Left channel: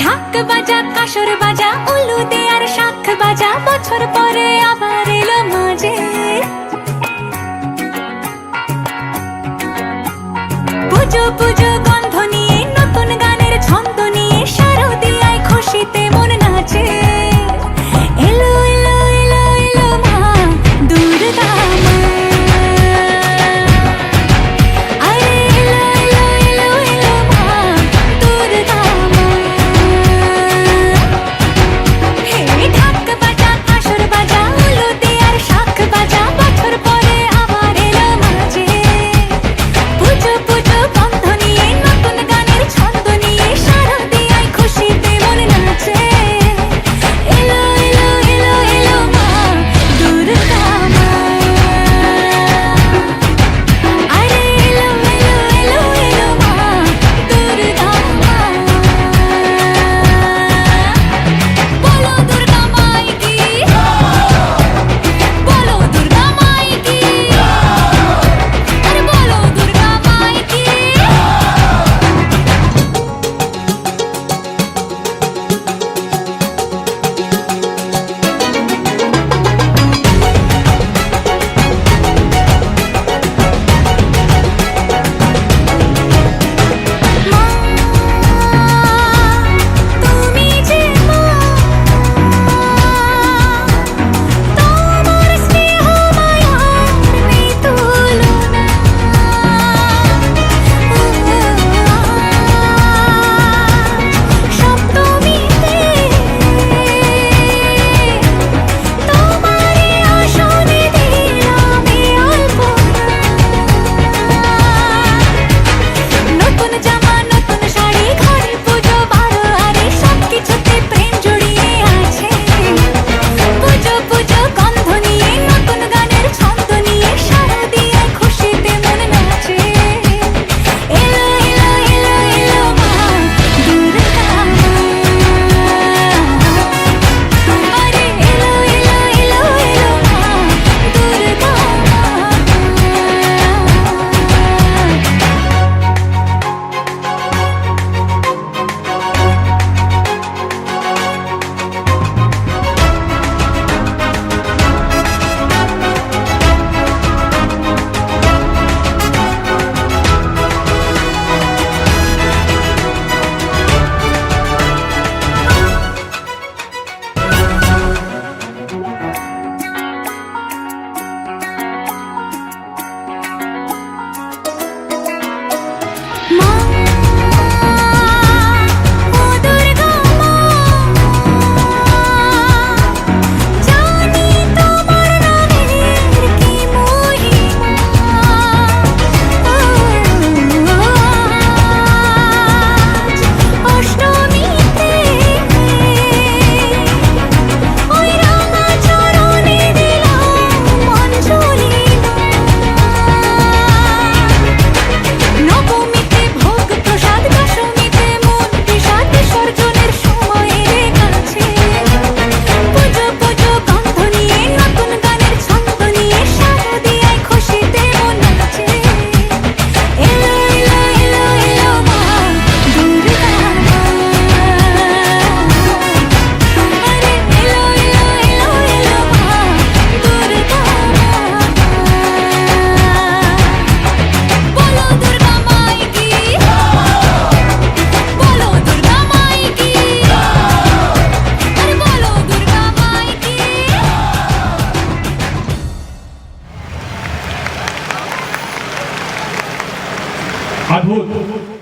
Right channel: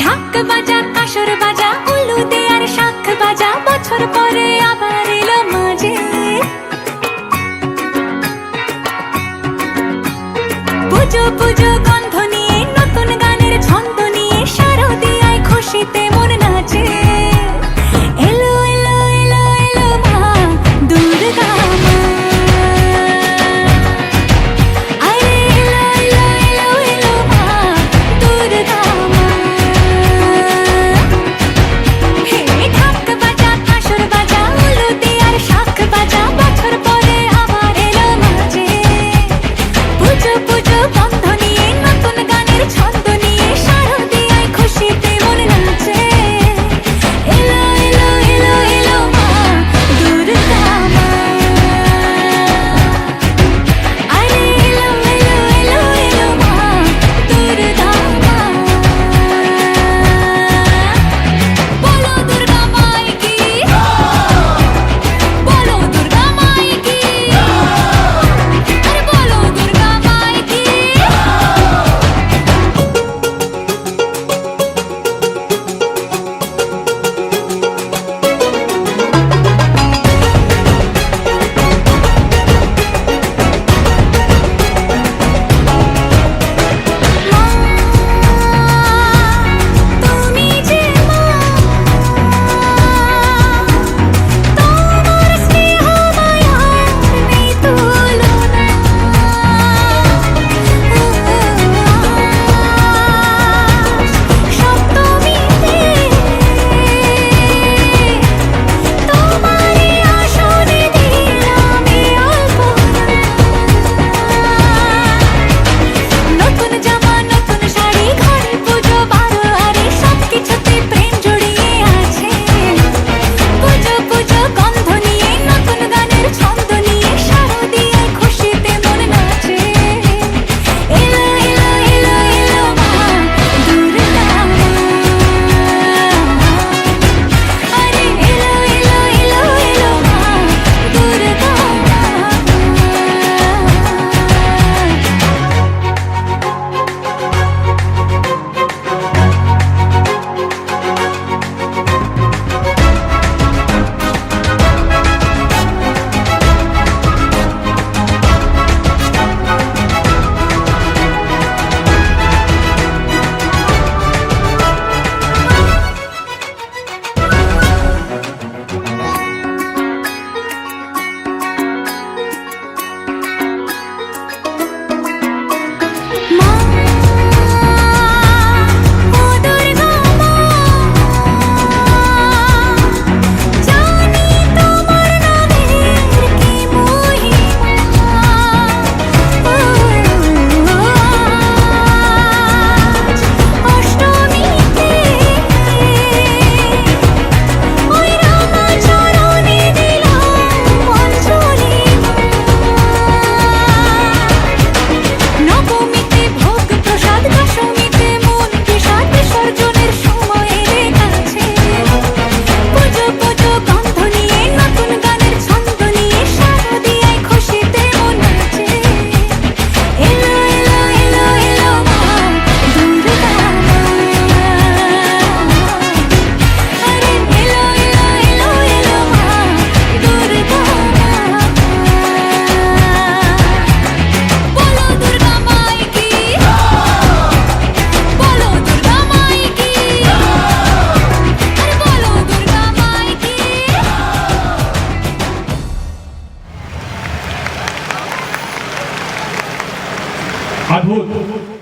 ঢাক বাজা কাসর বাজা উলু দে আর শাখ বাজা বছর পরে আবার এলো মাঝে পুজো পুজো গন্ধ নিয়ে নতুন গানের ছন্দ নিয়ে শারদিয়ায় খুশিতে মন নাচে এলো এলো এলো এলো মা দুর্গা মা আরে এলো এলো এলো এলো মা দুর্গা মা হে ঢাক বাজা কাসর বাজা উলু দে আর শাখ বাজা বছর পরে আবার এলো মাঝে পুজো পুজো গন্ধ নিয়ে নতুন গানের ছন্দ নিয়ে শারদিয়ায় খুশিতে মন নাচে এলো এলো এলো এলো মা দুর্গা মা আরে এলো এলো এলো এলো মা দুর্গা মা বলো দুর্গা মাই কি বলো দুর্গা মাই কি আরে বলো দুর্গা মাই কি মা তুমি যে মা তোমার স্নেহ মায়ার নেই তুলনা সপ্তমীতে তোমারে আসনে দিলাম এই অল্পনা নতুন জামা নতুন শাড়ি ঘরে পুজো বারো আরে সবকিছুতে প্রেম জড়িয়ে আছে পুজো পুজো গন্ধ নিয়ে নতুন গানের ছন্দ নিয়ে শারদিয়ায় খুশিতে মন নাচে এলো এলো এলো এলো মা দুর্গা মা আরে এলো এলো এলো এলো মা দুর্গা মা মা ও দুর্গা মা জানি তোমার নামের কি মহিমা আজ অষ্টমীতে ওই রাঙা চরণে দিলাম অঞ্জলি মা নবমীতে ভোগ প্রসাদ দশমীতে মন বিষাদ বিসর্জনের সময় রে কাছে পুজো পুজো গন্ধ নিয়ে নতুন গানের ছন্দ নিয়ে শারদিয়ায় খুশিতে মন নাচে এলো এলো এলো এলো মা দুর্গা মা আরে এলো এলো এলো এলো মা দুর্গা মা বলো দুর্গা মাই কি বলো দুর্গা মাই কি আরে বলো দুর্গা মাই কি অদ্ভুত